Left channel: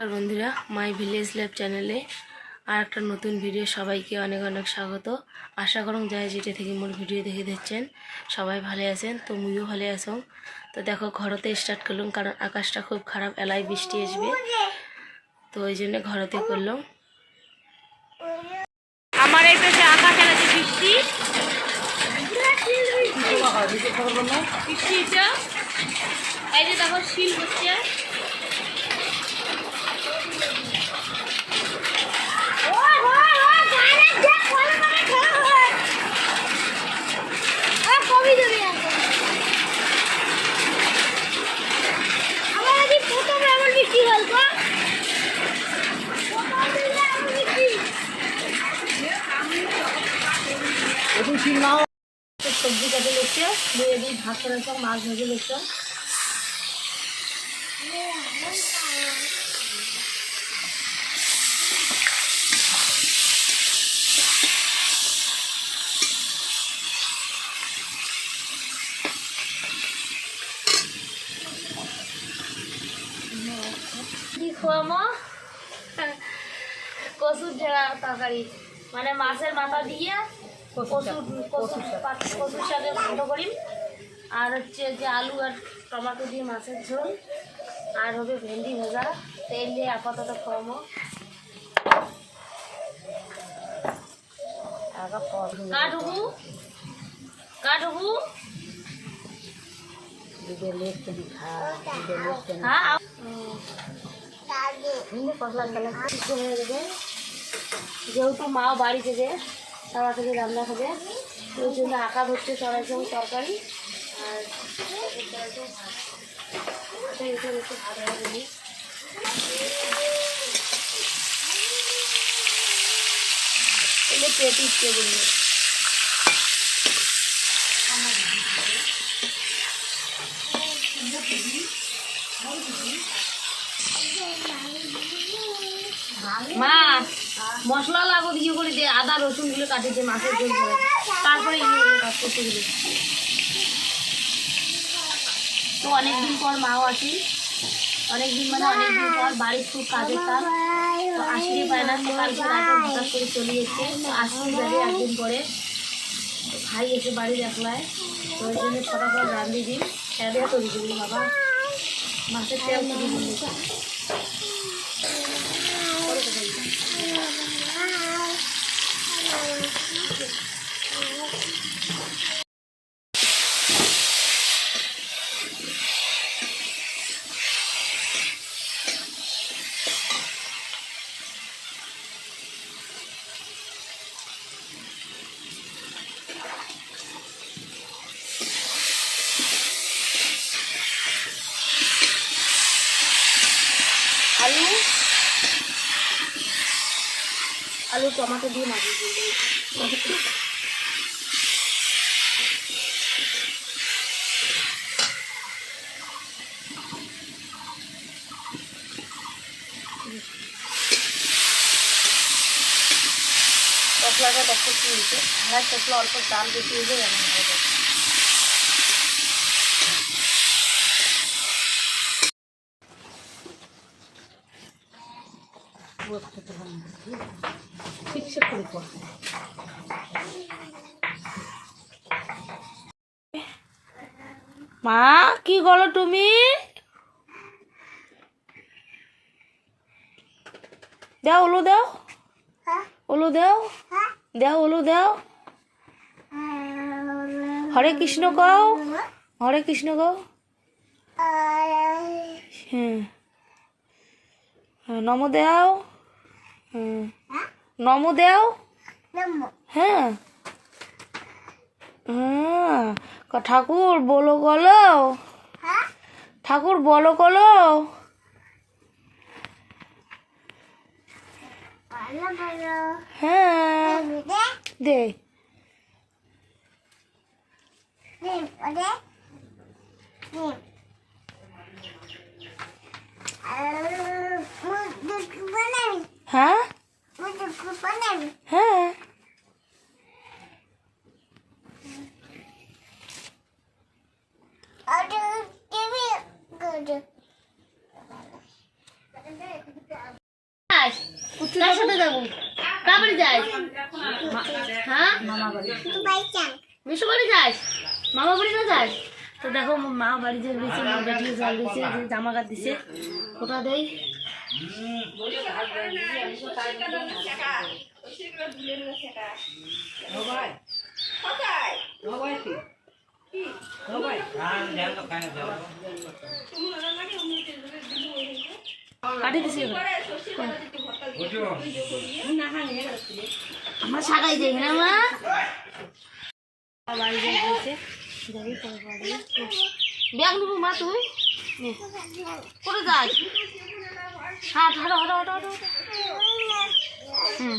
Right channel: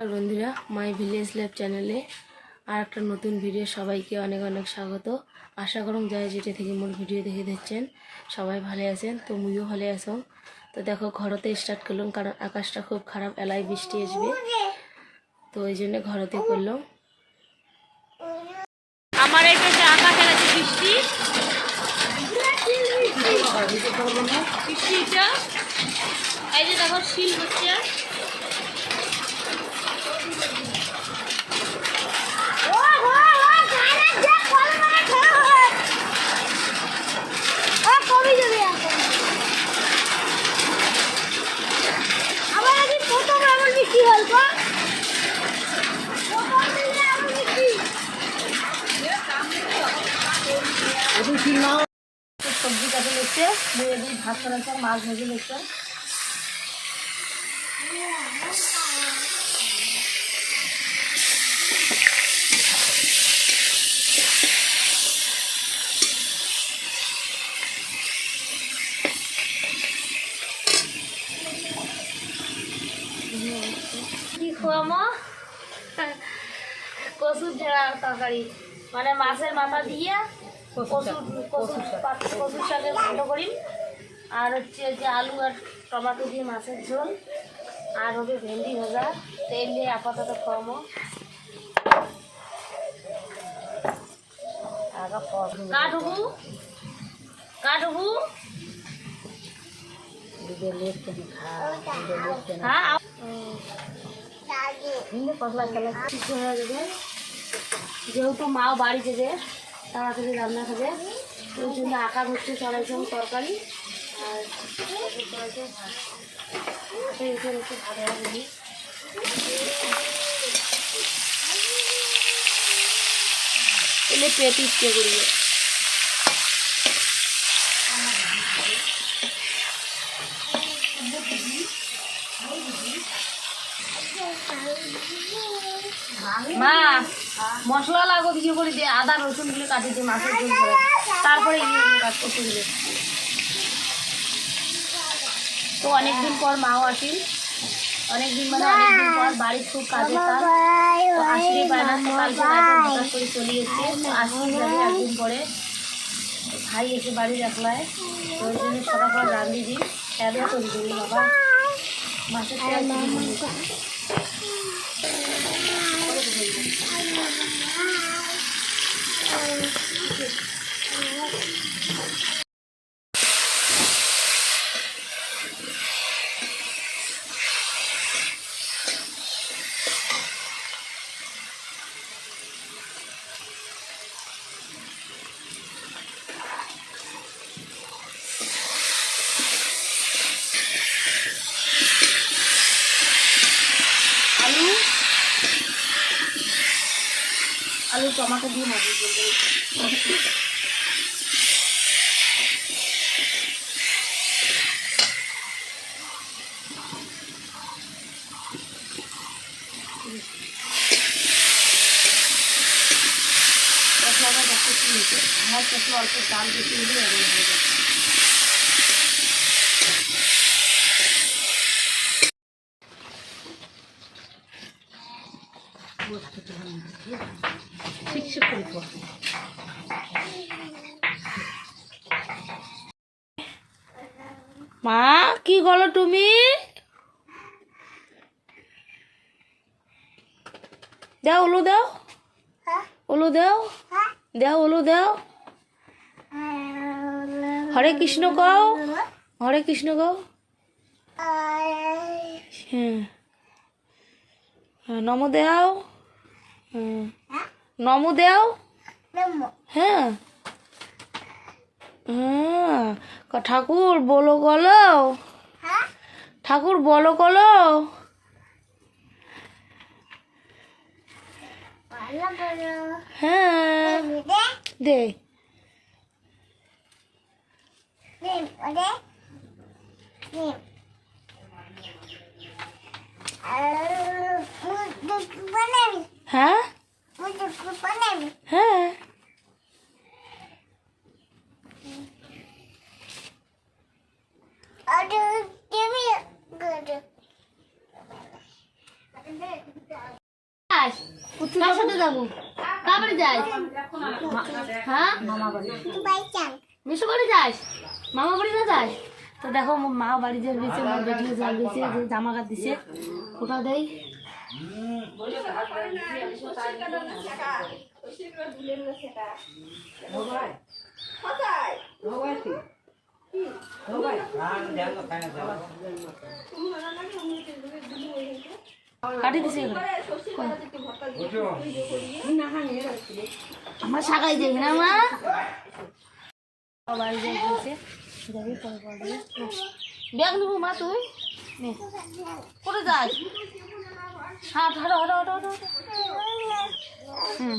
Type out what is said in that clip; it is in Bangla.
আর বন্ধুরা মাই ভিলেজ লাইফ চ্যানেলে আর একটা নতুন ভিডিও সবাইকে অনেক অনেক স্বাগত। আশা করুন যাই যেটা থেকে মোর ভিডিও দেখে দিচ্ছেন সবাই ভালো আছেন, তো মুইও ভালো আছো। তো দেখো ঘরতে স্টার্ট করলাম কারণ আকাশটা খুব খারাপ, এলাই বৃষ্টি আসবে, তো ওই জন্য ঘরতে করলাম। আমার এই পাশে আকাশ এলাচে বৃষ্টি বৃষ্টিটা এই যে দেখো শিল হচ্ছে। সবজি কাটে লেগছে, মেয়ে দিয়ে ভাত করেছে, মাছ ভেজে লেগছে। কি খোয়ামো? কচুর ঝাড়া তরকারি, মানে মাছের মাথা দিয়ে কচুর শাকে ভালো করি, আর হচ্ছে যে আলু আর টমেটো দিয়ে মাছের ঝোল, আর হবে ভেন্ডি ভাজা। তেল দিয়ে আপাতত খাওয়ামো। কাটবু যেহেতু মাও বাড়ি থেকে তাড়াতাড়ি রান্না খাবে, ওই জন্য আঁকা ধরতে চড়াইছে তরকারি আর ভাত ভাজি। এলে পেট উঠতে করবে। মা মশলা লাগো দিয়ে করে দিয়ে আদা রসুন গুলো কাটি দিয়ে মাছের ঝোল করে, তারপরে ইয়েগুলো কাজ করতে গেলে। তো অনেকদিন পর মাও আসি, অনেকদিন মানে অনেকদিন পর, বাড়ির খুব কাজের কাজ, তো আসতেই পায় না। তো কালকে রাতে হঠাৎ করে চলে এসছে, তো আসতেই যাবে একদিন পরে। ভাই এসে বাড়ির একলায়, তো ওই জন্য ফটাফট রান্ধি দিই, খেয়ে তৈরি করি। বাবা মাছের তেল তৈরি করি। আলু টমাটো দিয়ে মাছ বলতে মশলাটা দেখতে কি হচ্ছে, আমার মশলা অল্প চাল বেশি হলে রান্না হয়ে যাবে। মা কি বলো তুমি? দাও ওলো দাও, ওলো দাও, দাও ওলো দাও। হরে কৃষ্ণ কও, হরে কৃষ্ণ কও। হ্যাঁ নম দেও, নম দেও। হ্যাঁ হ্যাঁ ঠাকুর বলো গলো, ঠাকুর বলো গলো। হ্যাঁ দে হ্যাঁ হ্যাঁ Good. কার সাথে যাবো? কার বাড়ি যাস? হ্যাঁ মামা বাড়ি মিশু বাড়ি যাস? মামা বাড়ি না যাস? তো দেখো মা বাড়ি যে গেছে, মা বেটিও জল দিয়েছে, যে জামা কাট দিছে, ওটা দেয়। কাটি দিছে আমার শাখাই যাই না মা বাড়ি যাই গেছে, যাবি পরে পরে ব্যাগ নেবো মা তুই কোথায় যাস? হাঁট হাঁটো হাঁটো হাঁটো হাঁটো হুম